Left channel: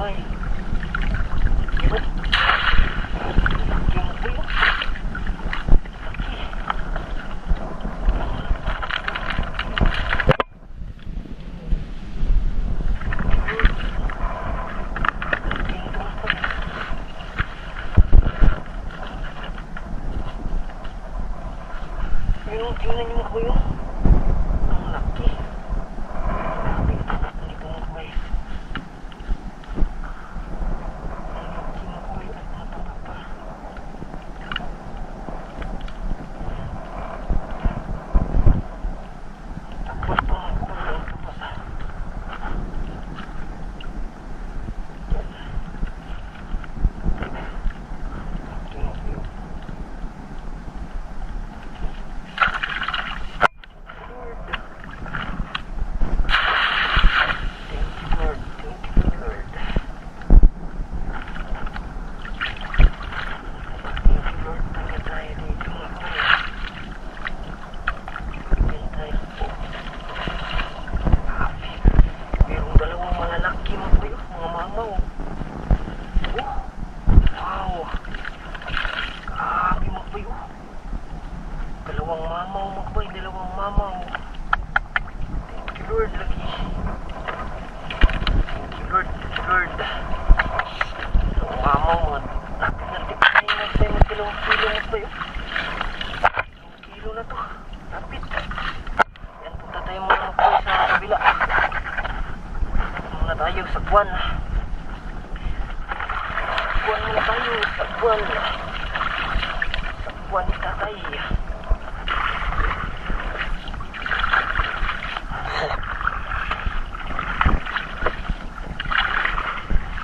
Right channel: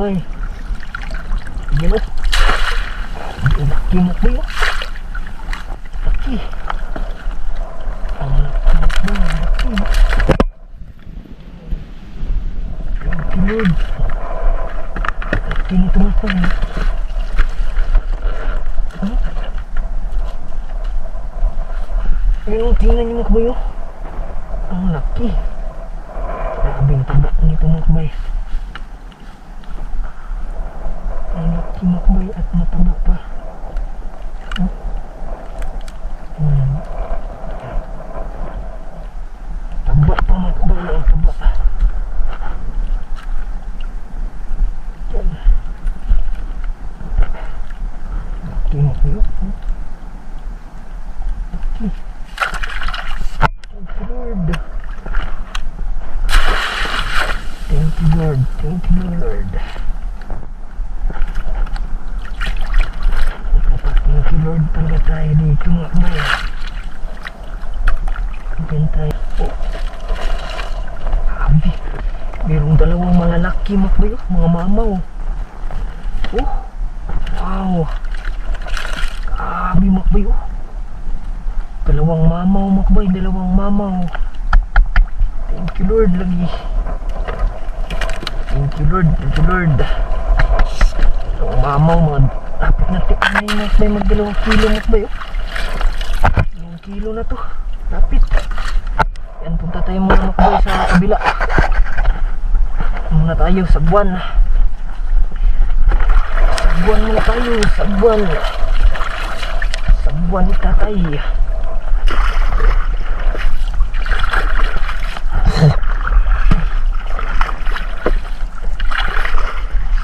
makbay. Yan o. Laki makbay o. Laki. Ang laki makbay. Laki. Laki Lord. Laki nito makbay. Ayun, tingnan nyo makbay o. Ang laki. Grabing taba nito makbay. Ang laki makbay at mataba pa. Taba pa makbay, ang taba. Laki makbay o. Thank you Lord. Thank you Lord. Thank you Lord. Pala tayo dito makbay. Diyan tayo. Oh. Grabe. Mayroong dalawang malalaki makbay. Mga mamaw. Oh. Wow. Grabe makbay. Oh. Dalawang mamaw makbay. Dalawang mamaw. Thank you Lord lagi. Thank you Lord. Thank you Lord. Dalawang mamaw mga dapat natin ay makbay mag 2 kilo makbay. 2 kilo na to. Rapid. Yan, punta tayo mga makbay sa kabila. Muna tayo sa buwan. Sa buwan muna tayo. Sa buwan. Sa buwan ni tatay.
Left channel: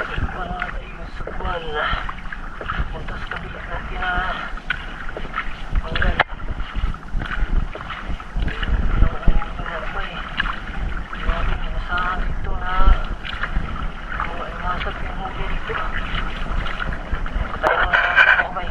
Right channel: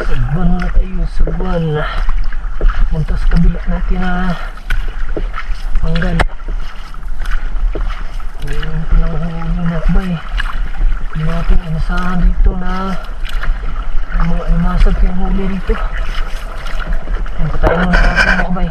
Sagwan muna tayo, sagwan. Punta sa kabila natin na manggan. Ngayon pa lang ang huli nakbay. Hindi natin inasahan dito na mga animasag yung huli dito. Punta tayo muna natin nakbay.